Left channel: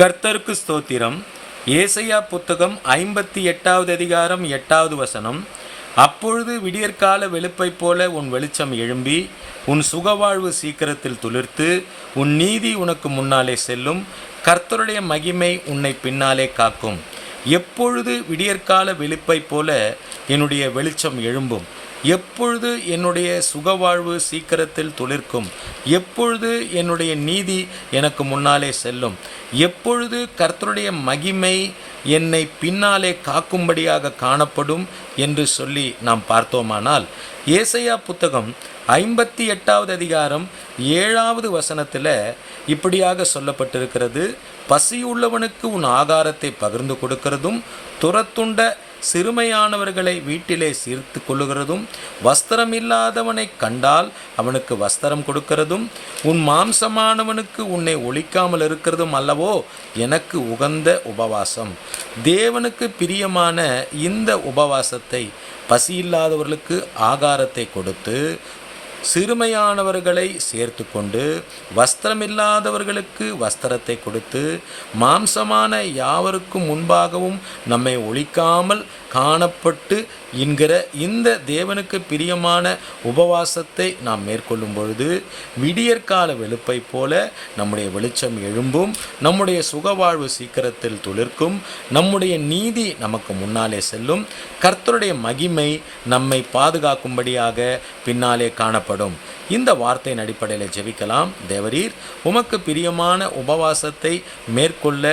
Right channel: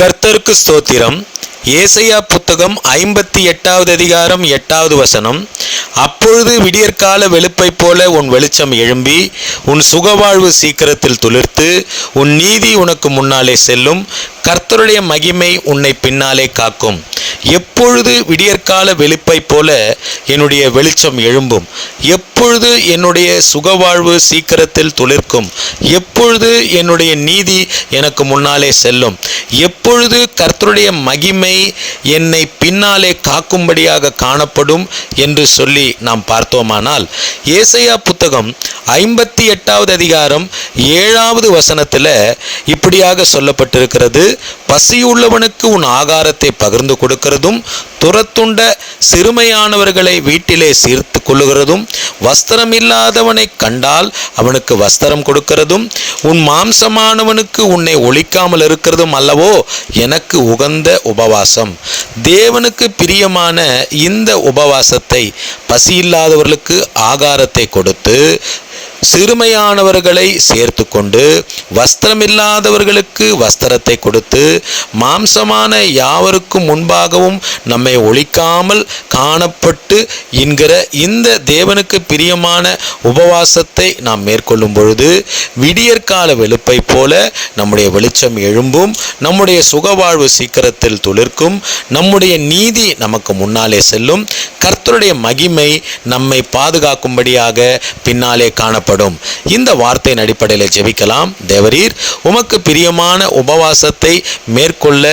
கர்த்தருக்கு ஸ்தோத்திரம். ஏசாயா புத்தகம் 58வது அதிகாரம் 8வது வசனம். அப்பொழுது விடியற்கால வெளுப்பைப் போல உன் வெளிச்சம் எழும்பி உன் சுகவாழ்வு சீக்கிரத்தில் துளிர்த்து உன் நீதி உனக்கு முன்னாலே செல்லும். கர்த்தருடைய மகிமை உன்னை பின்னாலே காக்கும். எப்பொழுது விடியற்கால வெளுப்பைப் போல என்னுடைய வெளிச்சம் எழும்பும், எப்பொழுது என்னுடைய சுகவாழ்வு சீக்கிரத்தில் துளிர்க்கும், எப்பொழுது என்னுடைய நீதி எனக்கு முன்னாலே செல்லும், எப்பொழுது கர்த்தருடைய மகிமை என்னை பின்னாலே காக்கும்படியாக காணப்படும் என்று சொல்லி நாம் பார்த்தோமானால், ஏசாயா புத்தகம் 58வது அதிகாரம் 7வது வசனத்தில் இப்படியாக சொல்லப்பட்டிருக்கிறது. பசியுள்ளவனுக்கு உன் ஆகாரத்தை பகிர்ந்து கொடுக்கிறதும், துரத்துண்ட சிறுமையானவர்களை வீட்டிலே சீர்த்து கொள்ளுகிறதும், வஸ்திரமில்லாதவனை கண்டால் அவனுக்கு வஸ்திரம் கொடுக்கிறதும், உன் மாம்சமானவனுக்கு உன்னை ஒழிக்காமல் இருக்கிறதும் அல்லவோ எனக்கு உகந்த உபவாசம். தேவனுக்கு பிரியமான இந்த உபவாசத்தை பசியில்லாதவர்களுக்கு ஆகாரத்தை கொடுத்து, சிறுமையானவர்களை சேர்த்து கொண்டு, வஸ்திரமில்லாதவர்களுக்கு வஸ்திரத்தை கொடுத்து, மாம்சமான யாவருக்கும் முன்பாகவும் நம்மை ஒழிக்காமல் காணப்பட்டு என்கிற இந்த தேவனுக்கு பிரியமான உபவாசத்தை நாம் மேற்கொள்ளும் பொழுது விடியற்கால வெளுப்பை போல நம்முடைய வெளிச்சம் எழும்பும், நம்முடைய சுகவாழ்வு சீக்கிரத்தில் துளிர்க்கும், நம்முடைய நீதி நமக்கு முன்னாலே செல்லும், கர்த்தருடைய மகிமை நம்மை பாதுகாக்கும்படியாக பின்னாலே காணப்படும். இந்த வார்த்தையின் அடிப்படையில் ஜெபிக்கலாம். தேவரீர், உமக்கு பிரியமான உபவாசத்தை மேற்கொள்ள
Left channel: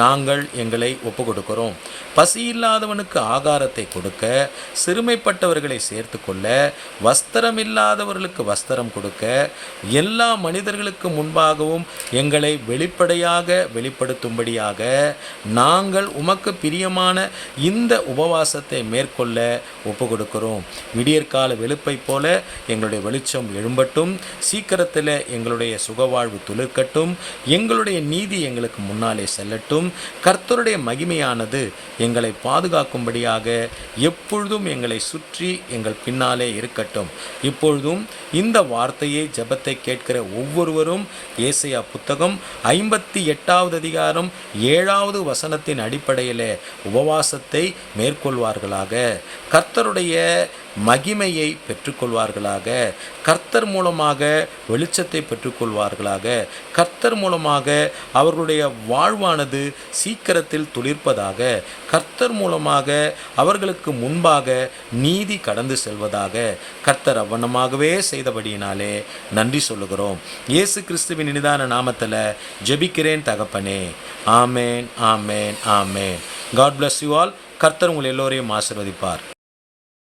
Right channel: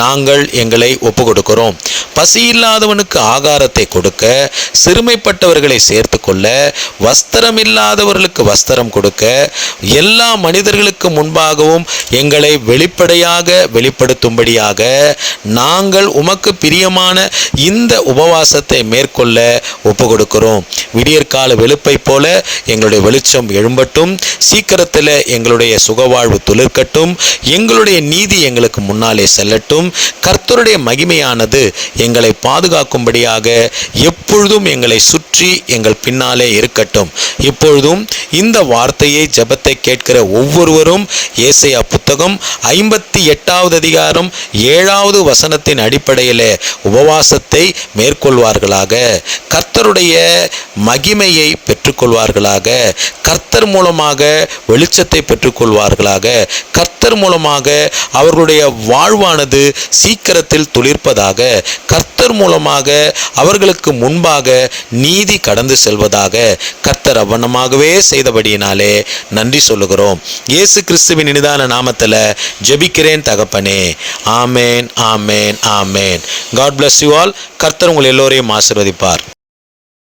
நாங்கள் எங்களை ஒப்பு கொடுக்கிறோம். பசியில்லாதவனுக்கு ஆகாரத்தை கொடுக்க, சிறுமைப்பட்டவர்களை சேர்த்து கொள்ள, வஸ்திரமில்லாதவர்களுக்கு வஸ்திரம் கொடுக்க, எல்லா மனிதர்களுக்கு முன்பாகவும் எங்களை வெளிப்படுத்தும்படியாக நாங்கள் உமக்கு பிரியமான இந்த உபவாசத்தை மேற்கொள்ள ஒப்பு கொடுக்கிறோம். விடியற்கால வெளுப்பை போல எங்களுடைய வெளிச்சம் எழும்பட்டும், சீக்கிரத்தில் எங்களுடைய சுகவாழ்வு துளிர்க்கட்டும், எங்களுடைய நீதி எங்களுக்கு முன்னாலே செல்லட்டும். கர்த்தருடைய மகிமையானது எங்களை பாதுகாக்கும்படியாக எப்பொழுதும் எங்களை சுற்றி எங்கள் பின்னாலே இருக்கட்டும். இப்பொழுதும் இந்த வார்த்தையை, ஜெபத்தை கேட்கிற ஒவ்வொருவரும் ஏசாயா புத்தகம் 58வது அதிகாரம் 7வது வசனத்தின் அடிப்படையில் உபவாசத்தை மேற்கொள்வார்களாக. கர்த்தருடைய மகிமையை பெற்றுக்கொள்வார்களாக. கர்த்தர் மூலமாக வெளிச்சத்தை பெற்றுக்கொள்வார்களாக. கர்த்தர் மூலமாக அவர்களுடைய வாழ்வானது சீக்கிரத்தில் துளிர்ப்பதாக. கர்த்தர் மூலமாக அவர்களுக்கு முன்பாக நீதி கடந்து செல்வதாக. கர்த்தர் அவ்வண்ணமாகவே செய்தபடியினாலே நன்றி சொல்லுகிறோம். இயேசு கிறிஸ்துவின் இனிதான நாமத்தில் ஜெபிக்கிறேன் தகப்பனே. ஆமேன், ஆமேன், ஆமேன். God bless you all. கர்த்தர் உங்கள் எல்லோரையும் ஆசீர்வதிப்பார்.